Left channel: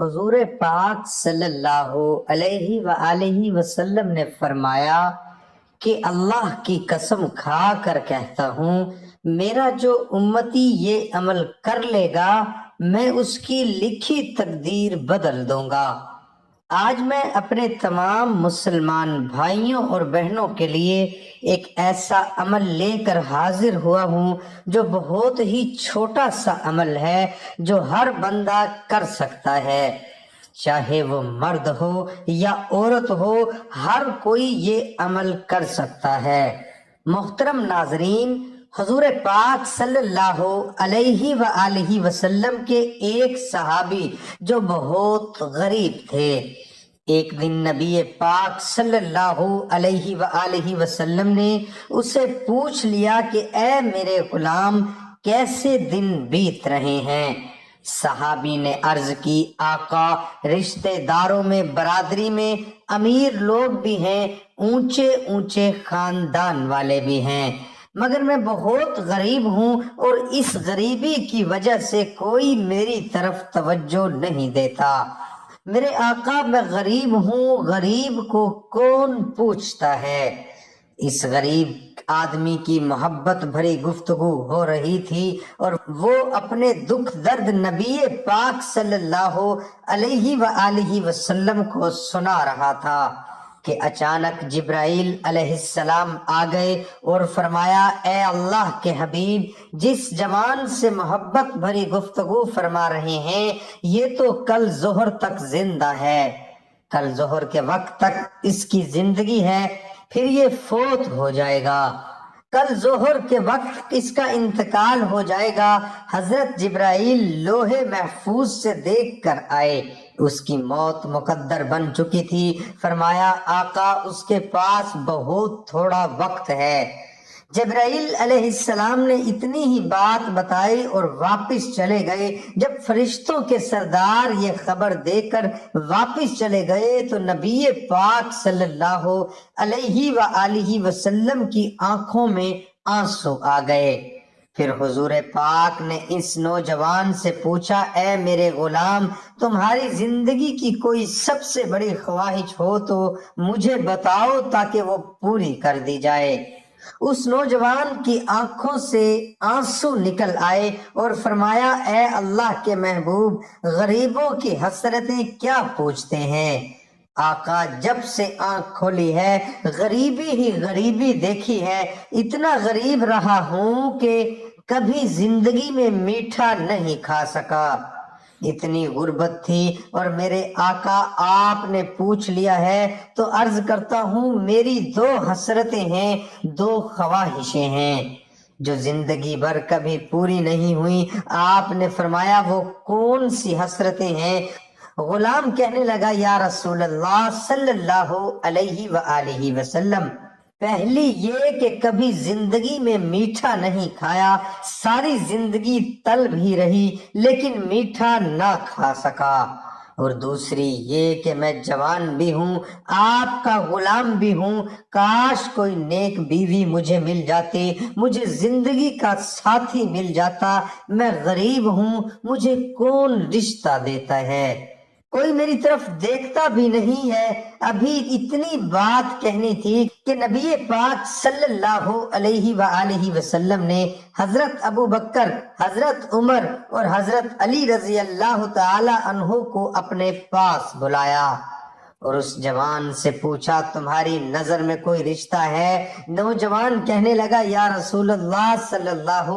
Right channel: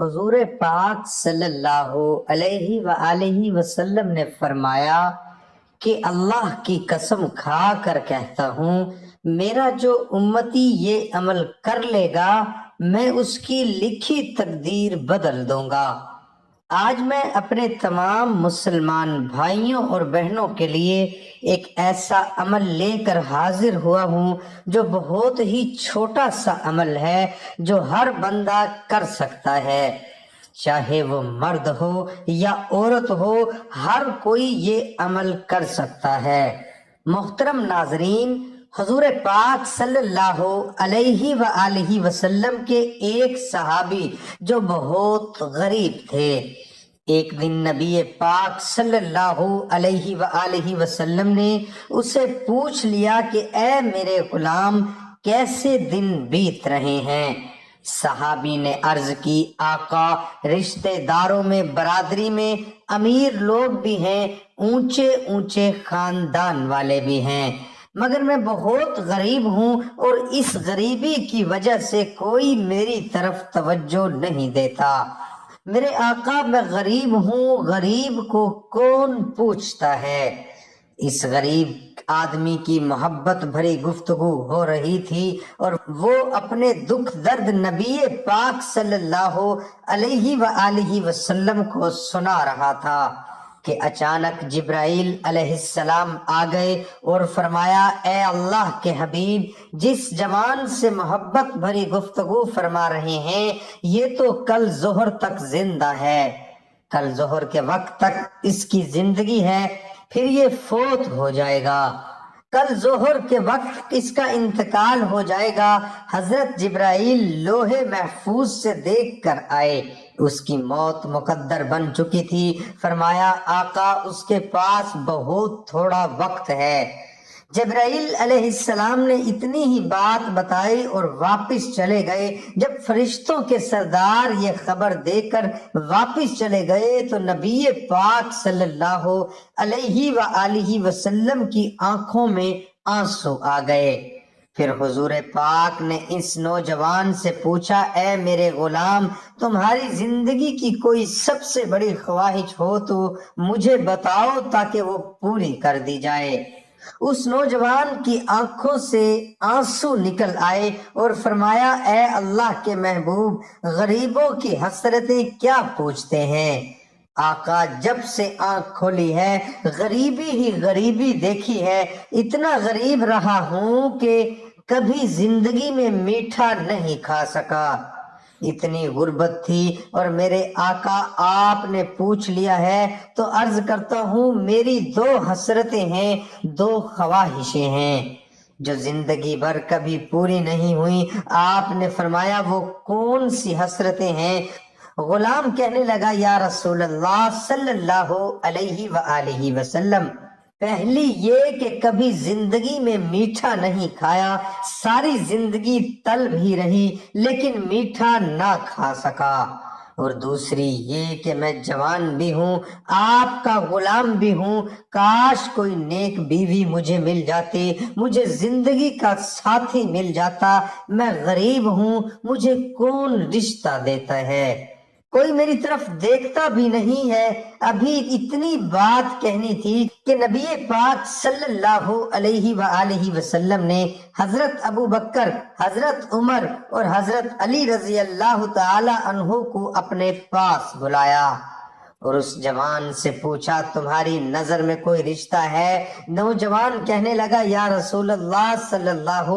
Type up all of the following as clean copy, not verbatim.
حضور پاک صلی اللہ علیہ وآلہ وسلم نے فرمایا کہ اللہ کی قسم کھا کر کہتا ہوں، میرا جو امتی یہ عمل کر لے گا میں اس کی لکھی تقدیر بدل دوں گا۔ آج میں اپنے تمام مسلمان بھائیوں اور بہنوں کے لیے ایک ایسا عمل لے کر حاضر ہوا ہوں جو بہت ہی چھوٹا سا عمل ہے، جو ہر بندہ کر سکتا ہے، چاہے وہ مرد ہو یا عورت ہو، ہر کوئی یہ عمل کر سکتا ہے۔ محترم ناظرین، حضور پاک صلی اللہ علیہ وآلہ وسلم کے ایک صحابی جو بہت غریب تھے، ایک دن نبی پاک صلی اللہ علیہ وآلہ وسلم نے اسے پوچھ لیا کہ اے میرے غلام، کیسے دن بیت رہے ہیں؟ صحابی نے عرض کی، آقا، رشتہ داروں میں، برادری میں امیر لوگ بھی ہیں، اونچے اونچے خاندان والے بھی ہیں، مگر میں بہت غریب ہوں اور اس غریبی کی وجہ سے کوئی میری طرف توجہ نہیں دیتا۔ میرے آقا، میں غریب ہوں، غریب کو کون پوچھتا ہے؟ اس غریب آدمی کی محبت بھری گفتگو ہو رہی تھی اور وہ اپنے دکھ درد نبی پاک صلی اللہ علیہ وآلہ وسلم کو سنا رہا تھا کہ اچانک جبرائیل علیہ السلام آ گئے اور فرمایا، اے اللہ کے حبیب، جس جوان سے محبت بھری گفتگو فرما رہے ہیں یہ تو کل ظہر تک زندہ ہے، کل ظہر کے وقت تک اس کی زندگی ہے، پھر یہ فوت ہو جائے گا، کل ظہر کے وقت اس کا انتقال ہو جائے گا۔ حضرت جبرائیل لوح محفوظ سے دیکھ کر آئے، اس کی موت مقدر بن چکی تھی۔ فرمایا، آقا، اس کے پاس بہت تھوڑا وقت ہے۔ جبرائیل علیہ السلام نے اتنی ہی بات بتائی اور واپس چلے گئے۔ جب فرشتوں کے سردار یہ خبر دے کر واپس چلے گئے تو نبی پاک صلی اللہ علیہ وآلہ وسلم کی آنکھوں میں آنسو آ گئے۔ پھر حضور پاک نے اس نوجوان سے پوچھا، اے میرے غلام، تمہاری زندگی کی کوئی سب سے بڑی خواہش ہو تو مجھے بتاؤ تاکہ وہ پوری کر دی جائے۔ اس نوجوان کی آنکھوں سے آنسو نکل آئے اور فرمایا، اے اللہ کے محبوب، غریبوں کی حسرتیں کیا پوچھتے ہیں؟ آقا، جب سے آنکھ کھولی ہے غریبی ہی غریبی دیکھی ہے، اتنا غریب رہا ہوں کہ کبھی زندگی میں میٹھا نہیں کھا سکا، اتنی غربت تھی، اور میرے آقا آپ نے پوچھ لیا ہے تو عرض کرتا ہوں، میری دو حسرتیں ہیں، دو خواہشیں ہیں جو زندگی بھر کبھی پوری نہیں ہوئی۔ آپ نے فرمایا، وہ کون سی حسرتیں ہیں؟ غلام کہنے لگا، یا رسول اللہ صلی اللہ علیہ وآلہ وسلم، پہلی یہ کہ کبھی زندگی میں میٹھا نہیں کھایا، ساری زندگی طلب ہی رہی لیکن میٹھا نہ کھا سکا، اور دوسری یہ کہ میں جوان بھی ہوں، آپ کا غلام بھی ہوں، کاش کوئی نیک بیوی مجھے مل جاتی، مجھے زندگی کا ساتھی مل جاتا، میں غریب ہوں، مجھے کون رشتہ دیتا ہے، کوئی میری طرف دیکھتا بھی نہیں ہے۔ ابھی اتنی بات کہنی تھی کہ نبی پاک صلی اللہ علیہ وآلہ وسلم نے حضرت ابو بکر، حضرت عمر اور حضرت علی رضی اللہ تعالی عنہ کو اپنے پاس بلایا اور اس جوان سے پوچھا، تمہاری نظر میں کوئی رشتہ ہے؟ نوجوان کہنے لگا، یا رسول اللہ صلی اللہ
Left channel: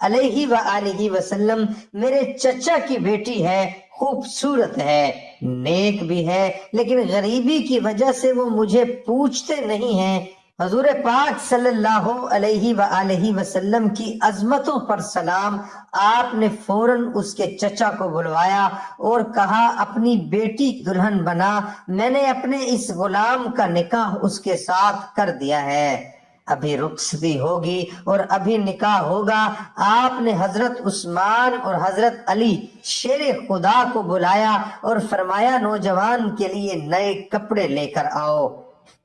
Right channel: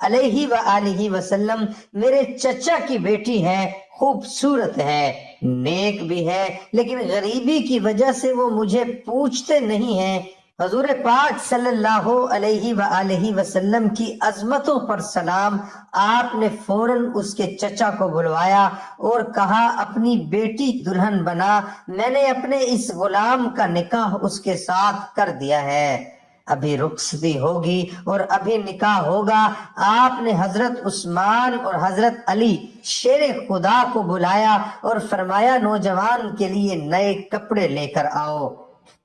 علیہ وآلہ وسلم، میرے چچا کی بیٹی ہے، خوبصورت ہے، نیک بھی ہے، لیکن غریبی کی وجہ سے وہ مجھے پوچھتے نہیں ہیں۔ حضور پاک صلی اللہ علیہ وآلہ وسلم کی عظمتوں پر سلام۔ آپ نے فوراً اس کے چچا کو بلوایا اور کہا، اپنی بیٹی دلہن بنا، میں نے اپنے اس غلام کا نکاح اس کے ساتھ کر دیا ہے، ابھی رخصتی ہوگی اور ابھی نکاح ہوگا۔ آپ نے حضرت عثمان اور حضرت علی شیر خدا کو بلایا اور فرمایا، نوجوان کے لیے نئے کپڑے لے کر آؤ۔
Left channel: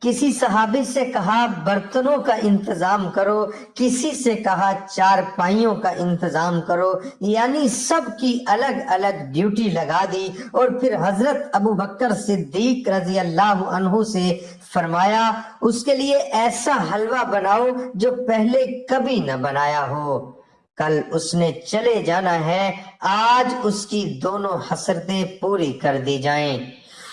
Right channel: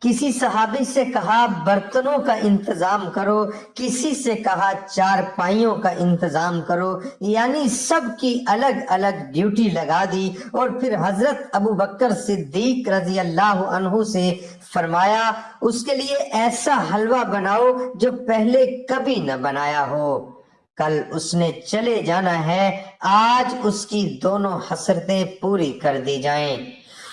کسی صحابی سے کہا برتنوں کا انتظام کرو، کسی سے کہا چارپائیوں کا انتظام کرو، یعنی سب کی الگ الگ ڈیوٹی لگا دی۔ اور پھر حضرت ابو بکر صدیق رضی اللہ عنہ سے فرمایا اس کے لیے ایسا حلوہ بناؤ جو پہلے کبھی نہ بنایا ہو، کل اس نے چلے جانا ہے، آج اس کی دونوں حسرتیں پوری کر دی جائیں۔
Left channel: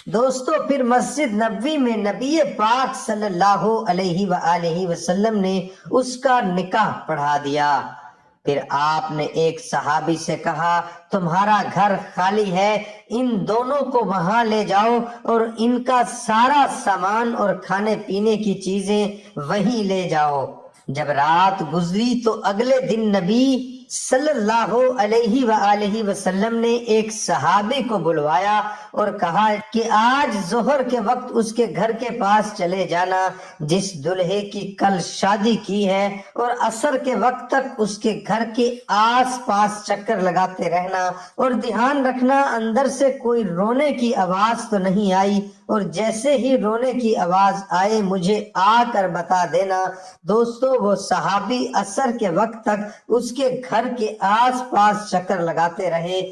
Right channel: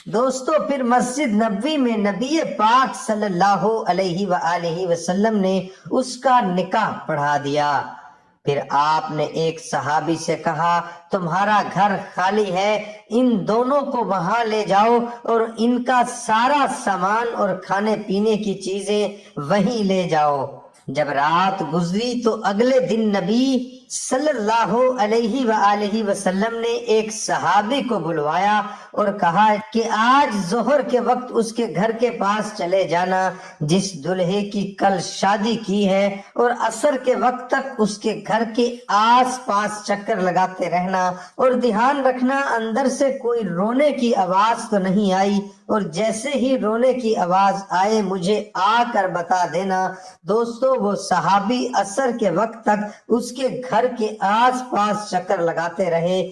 دوستو پھر مسجد نبوی میں نبی پاک صلی اللہ علیہ وآلہ وسلم نے اس کا نکاح پڑھا دیا۔ پھر آپ نے ایک صحابی سے کہا تمہارا گھر خالی ہے، ان دونوں کو وہاں لے جاؤ اور ان کا سارا سامان اور کھانے پینے کی چیزیں وہیں لے جاؤ۔ جب رات گزری تو اگلے دن نبی صلی اللہ علیہ وآلہ وسلم نے ایک صحابی کو بلوایا اور کہا کہ آج ظہر کے وقت اس کے گھر کے پاس چلے جانا جس دلہے کی کل شادی کی ہے، اور عصر کے وقت تک اس کے گھر کے آس پاس چکر لگاتے رہنا، اور دھیان رکھنا اندر سے کوئی رونے کی آواز تو نہیں آئی، اور جیسے ہی رونے کی آواز آئے مجھے آ کر بتا دینا۔ دوستو وہ صحابی عصر کے وقت تک اس کے گھر کے آس پاس چکر لگاتے رہے،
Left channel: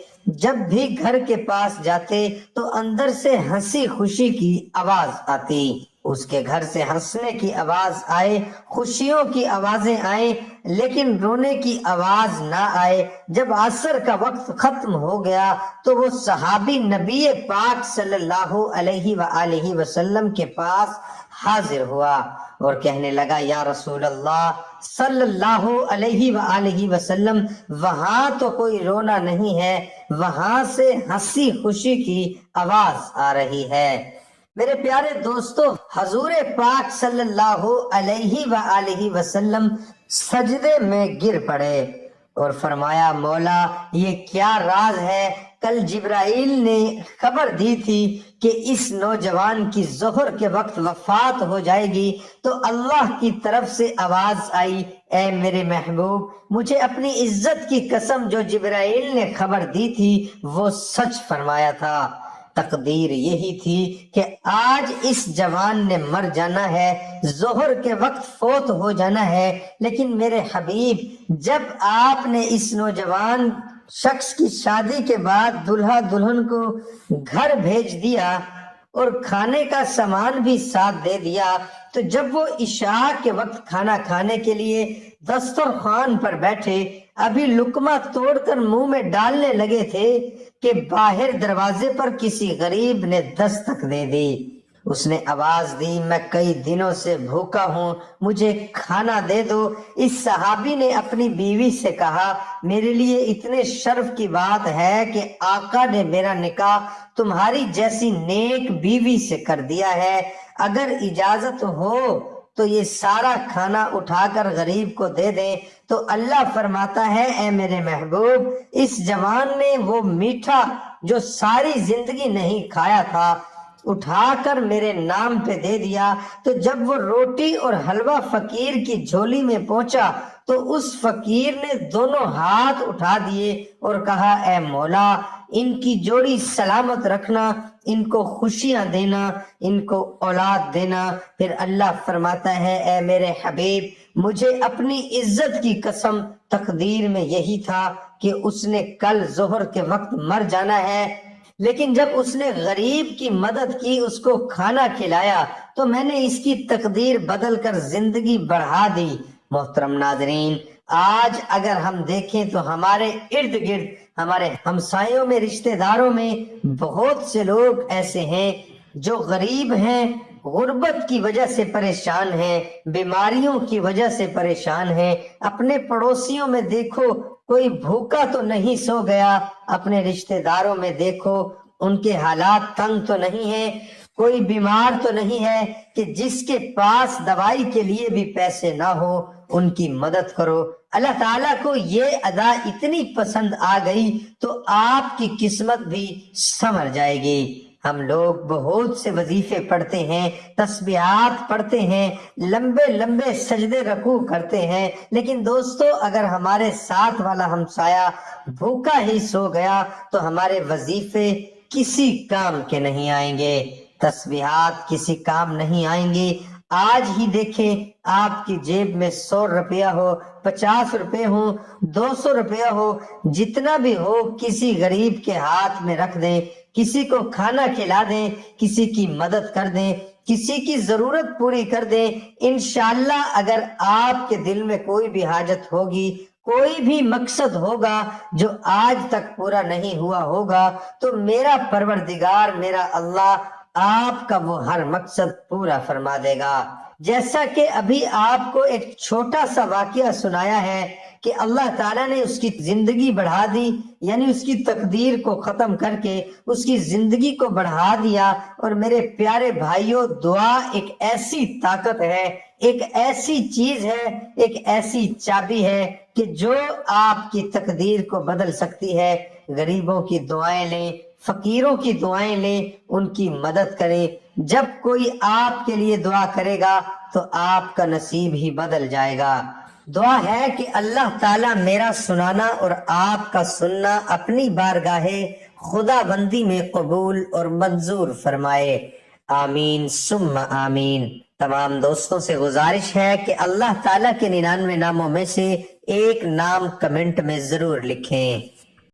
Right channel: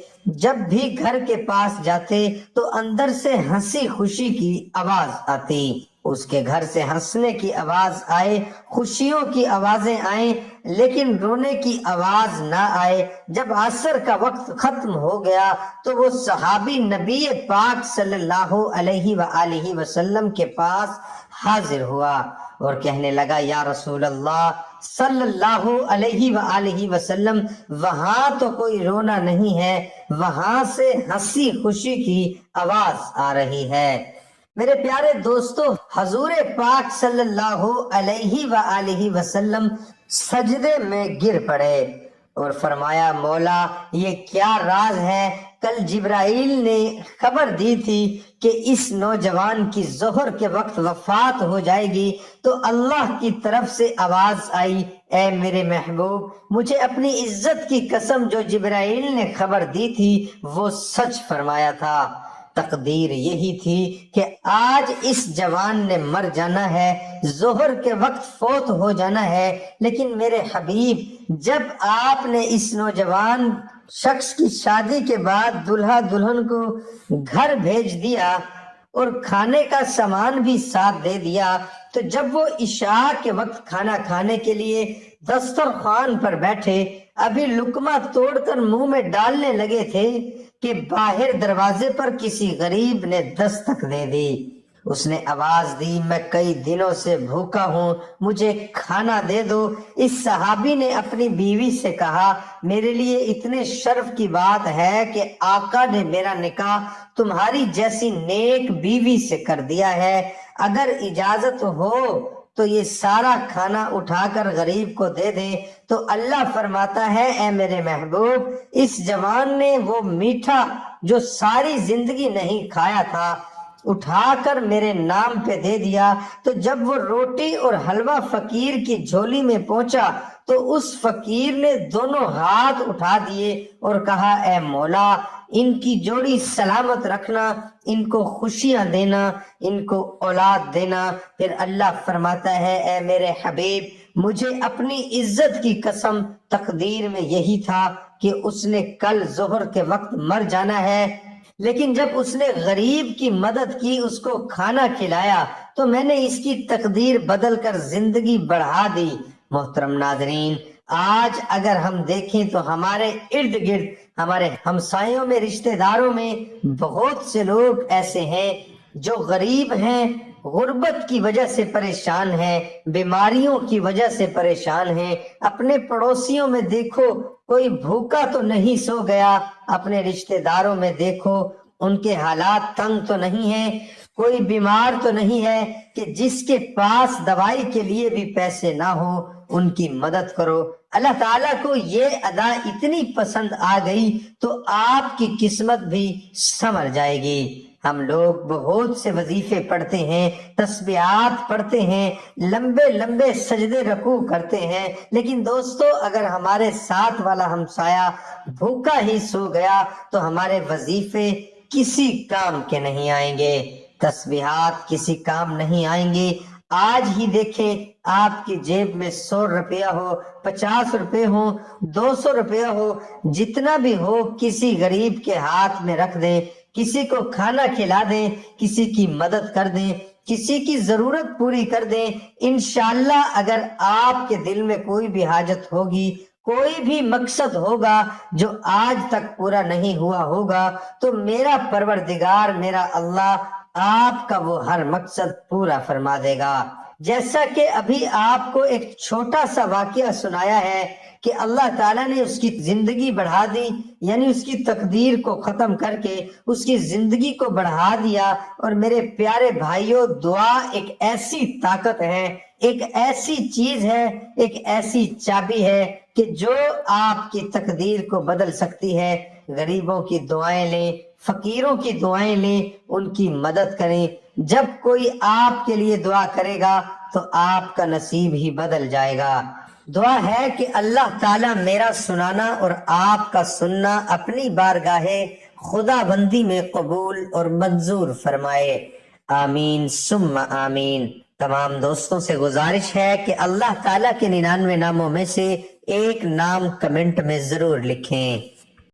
جب بھی گھر کے پاس جاتے تو اندر سے ہنسی خوشی کی آواز آتی، اس کے گھر سے ہنسنے کی آواز آئے، خوشیوں کی آوازیں آئیں، لیکن رونے کی آواز نہ آئے۔ جب عصر کا وقت ختم ہو گیا تو وہ صحابی نبی پاک صلی اللہ علیہ وآلہ وسلم کے پاس حاضر ہوا اور کہنے لگا یا رسول اللہ صلی اللہ علیہ وآلہ وسلم، وہاں تو کوئی رونا نہیں ہے، وہاں سے ہنسی خوشی کی آواز آ رہی ہے۔ میرے پیارے دوستو، حضور پاک صلی اللہ علیہ وآلہ وسلم سجدے میں گر پڑے اور فرمایا مولا یہ کیا راز ہے؟ کل جبرائیل نے خبر دی تھی کہ اس نوجوان کی ظہر کے وقت وفات ہو جائے گی، تو اللہ کی طرف سے آواز آئی اے میرے محبوب، مجھے اپنی عزت کی قسم جو جبرائیل نے خبر دی تھی وہ سچ فرمایا تھا۔ تقدیر یہی تھی کہ آج اس جوان نے مر جانا ہے، ظہر کے وقت فوت ہو جانا ہے، لیکن میرے حبیب جب آپ نے اس نوجوان شخص کی شادی کے بعد دلہا دلہن کو گھر بھیج دیا اور کھانے کا سامان بھی ساتھ دے دیا، تو جب وہ عشاء کے وقت کھانا کھانے کے لیے دسترخوان پر بیٹھے، ابھی لقمہ توڑ کر منہ میں ڈالنے لگے تھے کہ باہر دروازے پر کسی غریب نے دستک دے دی۔ اس نے آواز دی میں کئی دنوں سے بھوکا ہوں، مجھے کھانا دے دو۔ اس صحابی نے اپنی بیوی سے کہا میرے لیے اتنے شرف کی بات ہے کہ آقا نے میرا نکاح تمہاری جیسی نیک بیوی سے کر دیا ہے، اگر اجازت ہو تو یہ سارا کھانا اٹھا کر غریب کو دے دیں۔ تو اللہ فرماتا ہے اے میرے محبوب، اس جوان نے وہ میٹھا جو ساری زندگی نہیں کھایا تھا اٹھا کر میرے نام پہ دے دیا۔ تو جب وہ روٹی اور حلوہ فقیر کی جھولی میں پہنچا تو اس فقیر نے دونوں ہاتھ اٹھا دیے اور کہا اے مولا ان کی جوڑی سلامت رکھنا، ان کو خوشیاں دینا، ان کو اولاد دینا۔ پھر اللہ فرماتا ہے اے میرے حبیب مجھے اپنی عزت کی قسم تقدیر میں یہی تھا کہ اس نے کل ظہر کے وقت مر جانا ہے، لیکن جب اس نے غریب کی مدد کی، اس کو کھانا کھلایا، تو میں نے اس کی تقدیر بدل کر زندگی بڑھا دی۔ محترم ناظرین، آج اگر ہم دیکھیں تو ہمارے ارد گرد، ہمارے ہمسایوں میں، رشتہ داروں میں بہت سے لوگ ایسے ہیں جو غریب ہیں، غربت کی وجہ سے پریشان ہیں، بیماریوں کی وجہ سے پریشان ہیں۔ اپنے پڑوسیوں میں دیکھو کوئی بھوکا تو نہیں سو گیا، اپنے رشتہ داروں میں دیکھو ان کے حالات تنگ تو نہیں ہیں، کوئی بیمار تو نہیں ہے کہ جس کے پاس دوائی کے لیے بھی پیسے نہ ہو، ان کی مدد کرو۔ اللہ تعالیٰ کو یہ ادا اتنی پسند آ گئی تو آپ کی قسمت بھی سنور جائے گی۔ ہم لوگ بہت سے وظیفے پڑھتے ہیں، تسبیحات پڑھتے ہیں، لمبے لمبے سجدے رکوع کرتے ہیں، لیکن دوستو اگر ہمارے ساتھ والا ہمسایہ بھوکا ہی سو گیا تو ہمارے وظیفے کسی کام کے نہیں آئیں گے۔ تسبیحات کسی کام نہیں آئیں گے۔ آج ہی دیکھیں، آپ کی جیب میں 100 روپیہ ہو، 50 روپے ہو، 200 روپیہ ہو، جتنا بھی ہو کسی غریب کے ہاتھ میں رکھ دیں، کسی کو کھانا کھلا دیں، کسی کی مدد کر دیں، کسی کی ضرورت پوری کر دیں۔ انشاءاللہ اگر آپ کے دل میں کوئی بھی حاجت ہوگی، کوئی بھی مقصد ہوگا جو آج تک پورا نہیں ہوا ہوگا، تو میرا پروردگار، میرا اللہ آپ کا وہ ہر مقصد پورا فرما دے گا۔ جیسا کہ ابھی آپ کو ایک چھوٹا سا واقعہ سنایا ہے کہ اللہ تعالیٰ نے اس کی زندگی بڑھا دی، یعنی اس کی تقدیر کو ختم کر کے اس کی زندگی کو بڑھا دیا۔ اور میرے پیارے بھائیوں، دعا ایک ایسی طاقت ہے، ایک ایسی چیز ہے، ایک ایسی چابی ہے کہ جو آپ کی تقدیر کو بدل سکتی ہے۔ غریبوں کی دعائیں لیں، فقیروں کی دعائیں لیں، ان کی مدد کریں۔ جب کوئی آپ کے لیے دعا کرے گا تو آپ کا نصیب ہی بدل جائے گا۔ دعا ہے کہ اللہ تعالیٰ میرا سنانا اور آپ کا سننا اپنی بارگاہ خدا بندی میں قبول اور منظور فرمائے۔ آمین ثم آمین۔ تمام دوستوں سے گزارش ہے کہ اللہ تعالیٰ کے 99 ناموں میں سے ایک نام کمنٹ میں ضرور لکھیں۔